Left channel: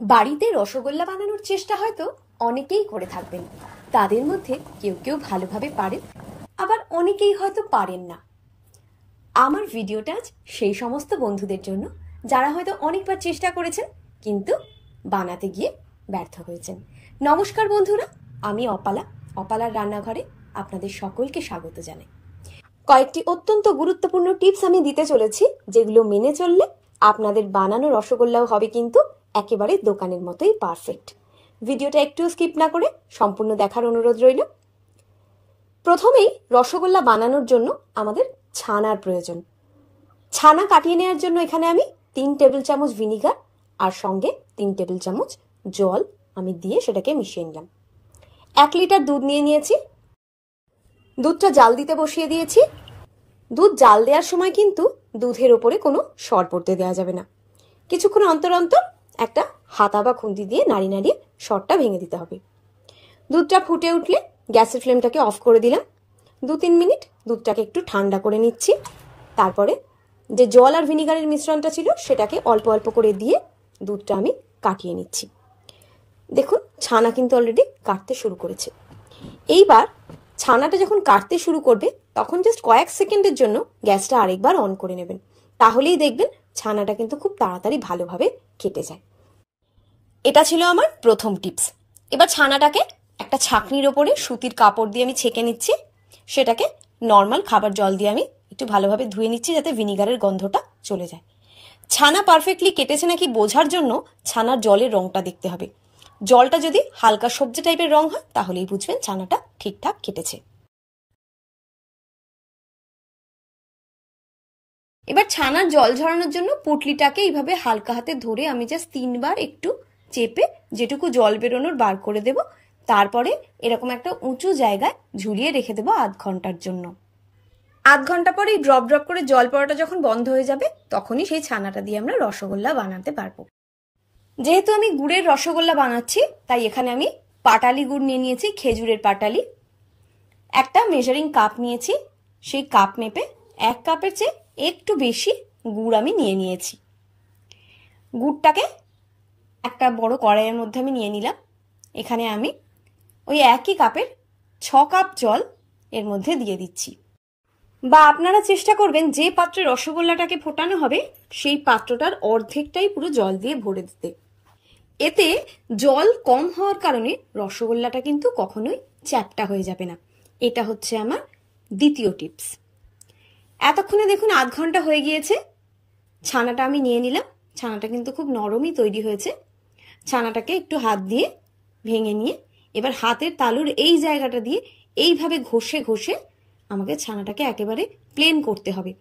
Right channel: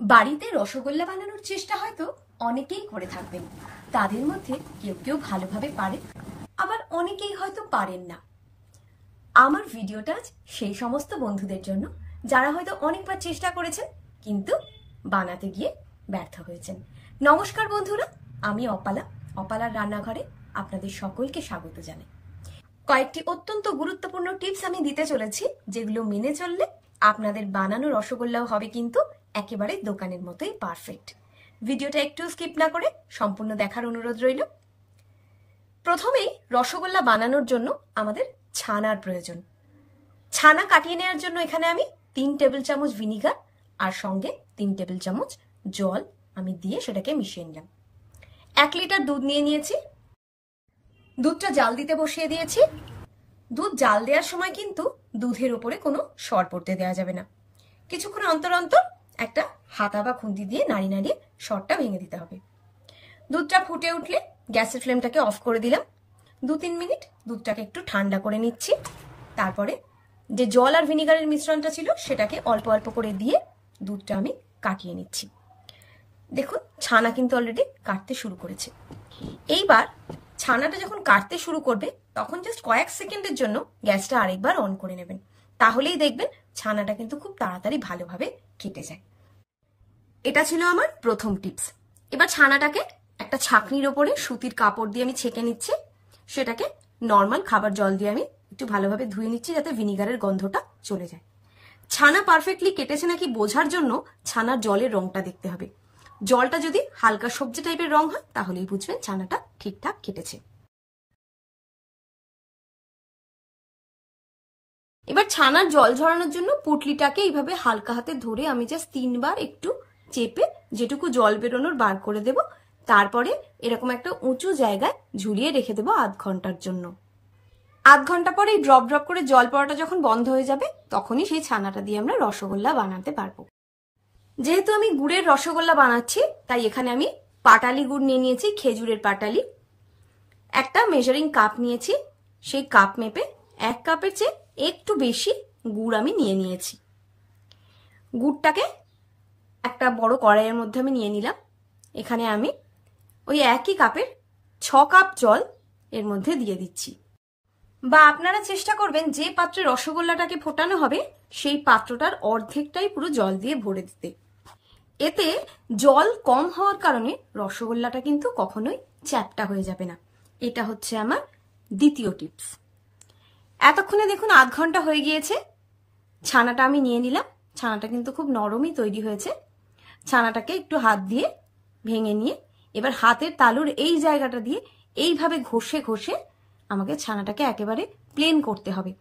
বাড়িতে রসগোল্লা বানানোর চেষ্টা হয়তো অনেকেই করে থাকবেন। তাদের মধ্যে কেউ কেউ ভালোভাবে পারেন, আবার অনেকেই হয়তো পারেন না। আমার ভিডিওটা আজ সেই সমস্ত বন্ধুদের জন্য যারা হয়তো অনেকবার চেষ্টা করেছেন কিন্তু বানাতে গিয়ে ব্যর্থ হয়েছেন। নমস্কার বন্ধুরা, আমি অপালার রান্নাঘরে আপনাদের সকলকে স্বাগত জানাই। কয়েকটি অত্যন্ত গুরুত্বপূর্ণ টিপস আমি দিতে চলেছি, যেগুলো মেনে চললে আপনাদের বানানো রসগোল্লাও হবে কিন্তু একেবারে দোকানের মতোই পারফেক্ট। ভিডিওটা একটু স্কিপ না করে সম্পূর্ণ দেখার অনুরোধ রইল। প্রথমেই রসগোল্লা বানানোর জন্য আমাদের ছানার প্রয়োজন। ছানা কাটিয়ে নেওয়ার জন্য এখানে আমি 3 টেবিল চামচ ভিনিগার আর সঙ্গে 3 টেবিল চামচ জল আমি দিয়ে সেটাকে মিশিয়ে নিলাম। 1 লিটার দুধ নিয়ে নিয়েছি। দুধটা জাল দিতে বসিয়ে দিয়েছি। দুধ জাল দেওয়ার সময় কিন্তু দুধের ওপরে কোনো সর পড়তে দেওয়া যাবে না। কিছুক্ষণ অন্তর অন্তর একটা হাতা বা খুন্তি দিয়ে নাড়িয়ে নাড়িয়ে সরটা ভেঙে দিতে হবে। দুধটা ফুটে উঠলে গ্যাসের ফ্লেমটাকে অফ করে দিলাম। 2-3 মিনিট দুধটাকে একটু ঠান্ডা করে নিচ্ছি। তারপরে যে জল আর ভিনিগারের মিশ্রণটা ছিল সেটাকে অল্প অল্প করে দিয়ে দুধটা আমি কাটিয়ে নিচ্ছি। দেখুন, ছানা কিন্তু অলরেডি কাটতে শুরু করেছে। এইবার ছানাটা যখন কাটতে শুরু করবে তখন জাস্ট কয়েক সেকেন্ডের জন্য গ্যাসটা আরেকবার অন করে নেবেন। তাহলেই দেখবেন ছানাটা কিন্তু খুব তাড়াতাড়ি ভালোভাবে কেটে যায়। এটা ছিল আমার প্রথম টিপস। এবার ছানাটাকে একটা ছাঁকনির ওপরে সুতির কাপড় দিয়ে আমি ছেঁকে নিচ্ছি। সেটাকে নর্মাল খাবার জল দিয়ে আমি একটু ভালোভাবে ধুয়ে নিচ্ছি যাতে ভিনিগারের গন্ধটা চলে যায়। ছানা পারফেক্টলি কেটেছে নাকি বোঝার জন্য ছানার জলের রংটা দেখতে হবে। জলটা যদি হালকা সবজি টাইপের রং হয় তাহলেই বুঝবেন ছানাটা ঠিকঠাক কেটেছে। এবার ছানার জল ঝরানোর জন্য পুটলিটাকে এইভাবে হালকা হাতে ধরে আমি জাস্ট 3 বার একটু চেপে যেটুকু জল বেরোনোর বার করে দেব। তারপরে এরকম একটা উঁচু জায়গায় ঝুলিয়ে রেখে দেবো আধ ঘন্টার জন্য। আধ ঘন্টা পরে ড্রপ ড্রপ করে জল পড়াটা যখন বন্ধ হয়ে যাবে তখনই সেই ছানাটা দিয়ে আমরা রসগোল্লা বানাতে পারবো। যেহেতু আমি গুড়ের রসগোল্লা বানাচ্ছি তাই এখানে আমি পাটালি গুড় নিয়ে নিয়েছি, খেজুরের পাটালি। একটা মেজারিং কাপ নিয়েছি, সেই কাপ মেপে 1 কাপের চেয়ে একটু বেশি গুড় আমি নিয়ে নিয়েছি। গুড়টাকে একটা বড় কড়াইয়ের মধ্যে আমি নিয়ে নিলাম। এখানে আমি ওই একই কাপের 6 কাপ জল এর মধ্যে দিয়ে দিচ্ছি। বা আপনারা চেষ্টা করবেন যে পাত্রে রসগোল্লাটাকে ফোটানো হবে সেই পাত্রটার অর্ধেকটাই পুরো জল দিয়ে ভরে দিতে। এতে জল কম হওয়ার কারণে রসগোল্লাটা কিন্তু কখনোই চ্যাপ্টা হয়ে যাবে না। এটা হচ্ছে আমার দ্বিতীয় টিপস। এতক্ষণে দেখুন আধ ঘন্টা হয়ে গিয়েছে। ছানাটা আমি নিয়ে নিলাম। ছানাটা কিন্তু খুব নরমই তৈরি হয়েছে। ছানাটাকে একটু হাত দিয়ে ভেঙে নিয়ে এবার হাতের তালুর এই জায়গাটা দিয়ে এইভাবে ঘষে ঘষে আমাকে ছানাটাকে একেবারে প্লেন করতে হবে।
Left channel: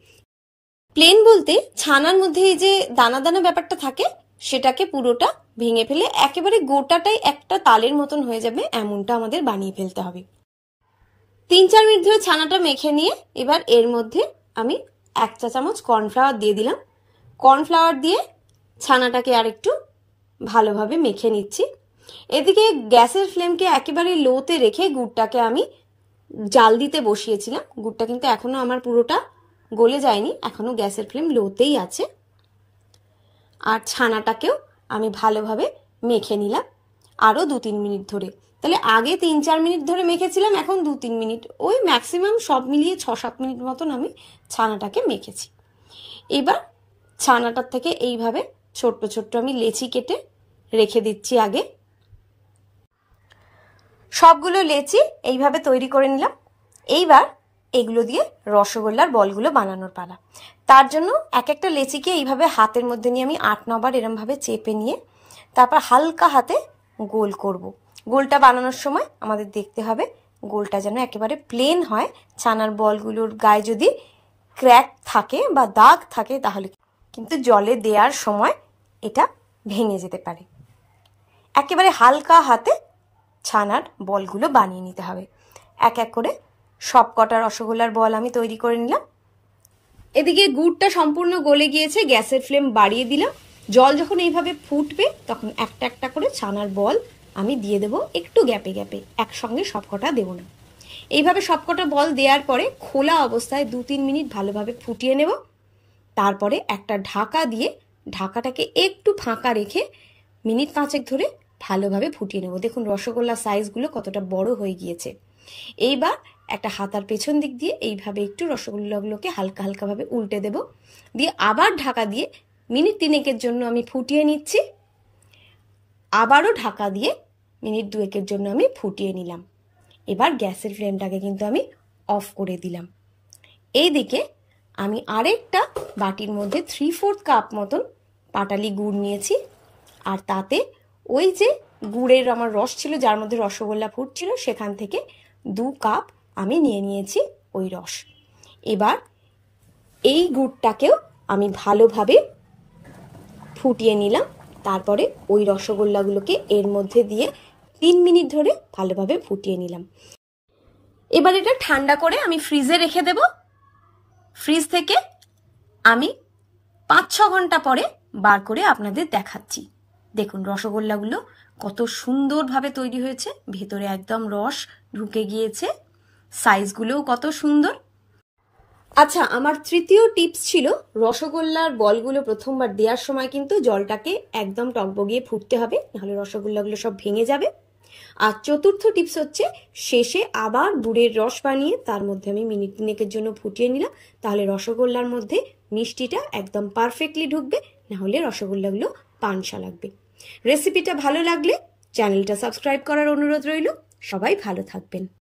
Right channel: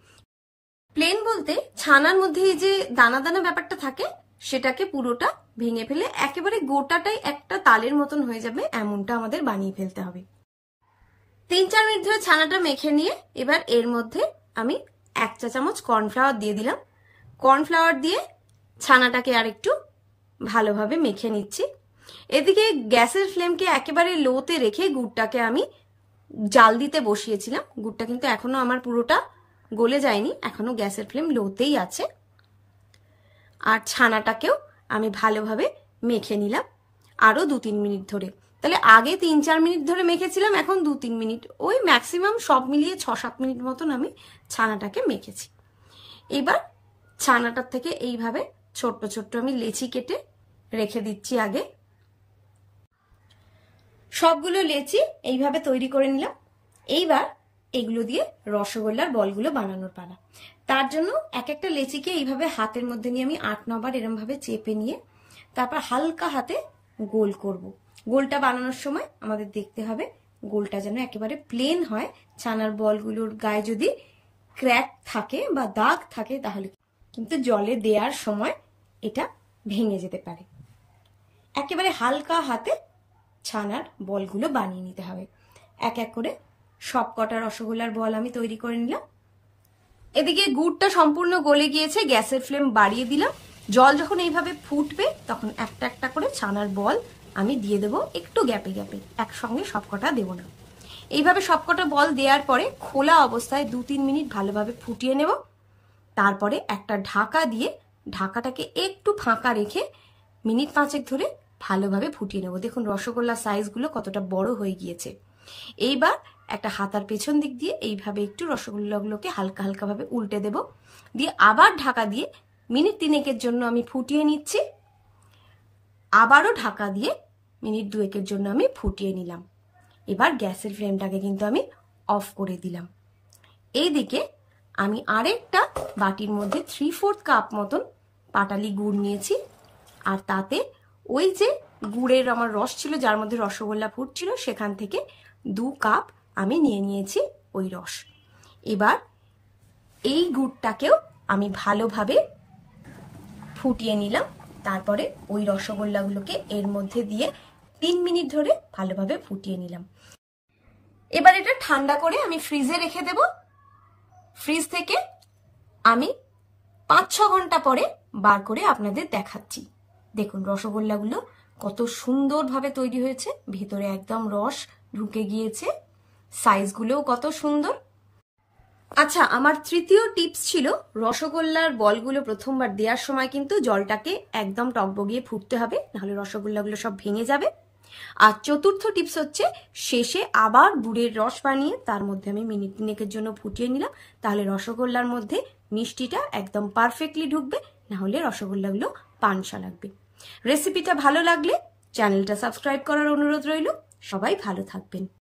প্লেন বলতে ছানার মধ্যে এই যে দানা দানা ব্যাপারটা থাকে সেটাকে পুরোটা ভেঙে ফেলে একেবারে গোটাটাই একটা তালের মতন হয়ে যাবে এমনটা আমাদের বানিয়ে ফেলতে হবে। 3-4 মিনিট ধরে ছানাটা মেখে নিয়ে এবার এর মধ্যে আমি 1 চা চামচ কর্নফ্লাওয়ার দিয়ে দিলাম। কর্নফ্লাওয়ার দিয়ে ছানাটাকে আর একটু ভালোভাবে মেখে নিচ্ছি। এদিকে গ্যাসের ফ্লেমকে একেবারে লোতে রেখে গুড়টাকে আমি জাল দিতে বসিয়েছিলাম। গুড়টা কিন্তু এখনো আমার পুরোটা গলে যায়নি, এখনো গ্যাসের ফ্লেম লোতেই আছে। আর ছানাটাকেও আমি ভালোভাবে মেখে নিলাম আরো 2-3 মিনিট ধরে। তাহলে আগে 3-4 মিনিট ধরে মেখেছিলাম, এখন 2-3 মিনিট, ওই ম্যাক্সিমাম সব মিলিয়ে 6-7 মিনিট মতন আমি ছানাটাকে মেখেছি। এবার ছানাটার থেকে এইভাবে ছোট্ট ছোট্ট আমি লেচি কেটে রেখে দিচ্ছি। আগে সবগুলো লেচি এইভাবে তৈরি করে নিলাম। এইবার এগুলো দিয়ে রসগোল্লার বলগুলো বানানোর পালা। তার জন্য এক একটা লেচিকে এইভাবে হাতের মধ্যে নিয়ে আমি 8-9 বার এরমভাবে চেপে নিয়ে তারপর হালকা হাতে গোল করব। গোলটা বানানোর সময় আমাদের দেখতে হবে গোলটা যেন একেবারে প্লেন হয়। ছানার বলগুলোর গায়ে যদি ক্র্যাক থাকে বা দাগ থাকে তাহলে কিন্তু জলে দেওয়ার সময় এটা ভেঙে যেতে পারে। একেবারে হালকা হাতে ছানার বলগুলো বানিয়ে নিতে হবে। এক এক করে সব কটা রসগোল্লার বল আমি তৈরি করে নিলাম। এদিকে গুড়টা সম্পূর্ণ গলে গিয়েছে, গ্যাসের ফ্লেম বাড়িয়ে দিলাম। জল যখন এইভাবে ফুটবে তখন একটা একটা করে ছানার বল আমি দিয়ে দেবো একটু গ্যাপে গ্যাপে, একসঙ্গে সবকটা দেবো না। এইভাবে সবকটা বল দেওয়ার পরে খোলা অবস্থায় 2-3 মিনিট ভালোভাবে ফুটিয়ে নেব। তারপরে একটা ঢাকা দিয়ে ঢাকাটাকে একটু ফাঁকা রেখে মিনিট 5 ধরে ভালোভাবে ফুটিয়ে নেব। দেখুন রসগোল্লার সাইজগুলো কতটা বড় হয়ে গিয়েছে। এইবার একটা হাতার পেছন দিক দিয়ে এইভাবে একটু রসগোল্লাগুলোকে হালকা হালকাভাবে উল্টে দেব, দিয়ে আবার ঢাকা দিয়ে মিনিট 3 জন্য আমি ফুটিয়ে নিচ্ছি। আবারও ঢাকা দিয়ে মিনিট 2 জন্য আমি ফুটিয়ে নিলাম। এবার গ্যাসের ফ্লেমটাকে কিন্তু আমি অফ করে দিলাম। এইদিকে আমি আরেকটা বাটির মধ্যে 3/4 কাপ মতন পাটালি গুড় নিয়েছি, আর তাতে ওই যে গুড়ের আমার রস ছিল যার মধ্যে রসগোল্লা ফুটছিল সেখান থেকে 2 কাপ আমি নিয়ে নিয়েছি ওই রস। এবার এই গুড়টাকেও আমি ভালোভাবে ফুটিয়ে নিলাম। তারপরে ওই রসগোল্লাগুলোকে এর মধ্যে দিয়ে 3 মিনিট ধরে ভালোভাবে ফুটিয়ে নিলাম। এবার এটা ঠান্ডা করে আমি ফ্রিজে রেখে দেব। ফ্রিজ থেকে আমি 5-6 ঘন্টা পরে বার করে আপনাদের দেখাচ্ছি। দেখুন রসগোল্লাগুলো কত সুন্দরভাবে তৈরি হয়েছে, ভেতরে একদম রস ঢুকে গিয়েছে, সাইজগুলোও কত সুন্দর। আচ্ছা, আমার তৃতীয় টিপস ছিল রসগোল্লার বলগুলো প্রথমবার দেওয়ার সময় কিন্তু জলটাকে একদম টকবগিয়ে ফুটতে হবে, নাহলে রসগোল্লাগুলো সব ভেঙে যাবে। আর চতুর্থ টিপস হচ্ছে শেষে আবার গুড়ের রস বানিয়ে তার মধ্যে আমি মিনিট 3 জন্য ফুটিয়ে নিলাম, তাহলে রসগোল্লার মধ্যে মিষ্টিটা একদম পারফেক্টলি ঢুকবে, নাহলে রসগোল্লাগুলো পানসা লাগবে। রেসিপিটা ভালো লাগলে চ্যানেলটা সাবস্ক্রাইব করার অনুরোধ রইল। সবাই ভালো থাকবেন।